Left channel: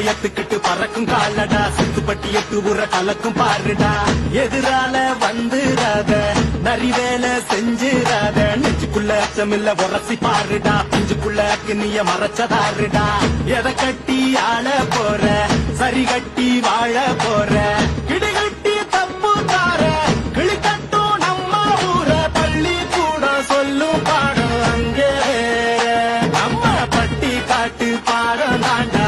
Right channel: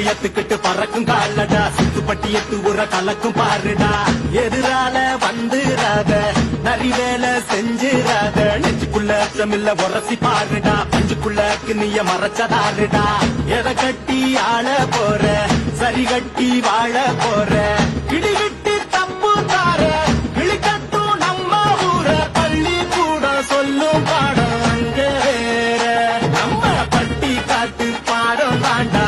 இதயத்துக்கிட்டு பறக்கும் காலடா சுத்துப்பட்டி எட்டு உர கலக்கும் பாருடா எதிரால வந்துராத நரி வேலை செஞ்சிராத நெஞ்சுக்குள்ள அச்சமில்ல உரசி பாருடா பஞ்சுக்குள்ள நீய மறைச்சதாருடா எதை கட்டி ஆள போற சரி கட்டி வாழ போற இடிகட்டி தப்பு தார கிளிக்கட்டும் நம்ம ஊர பள்ளி கூட சொல்லும் பாடம் அங்கே நம்ம பட்டி காட்டு பாடம் தாண்டா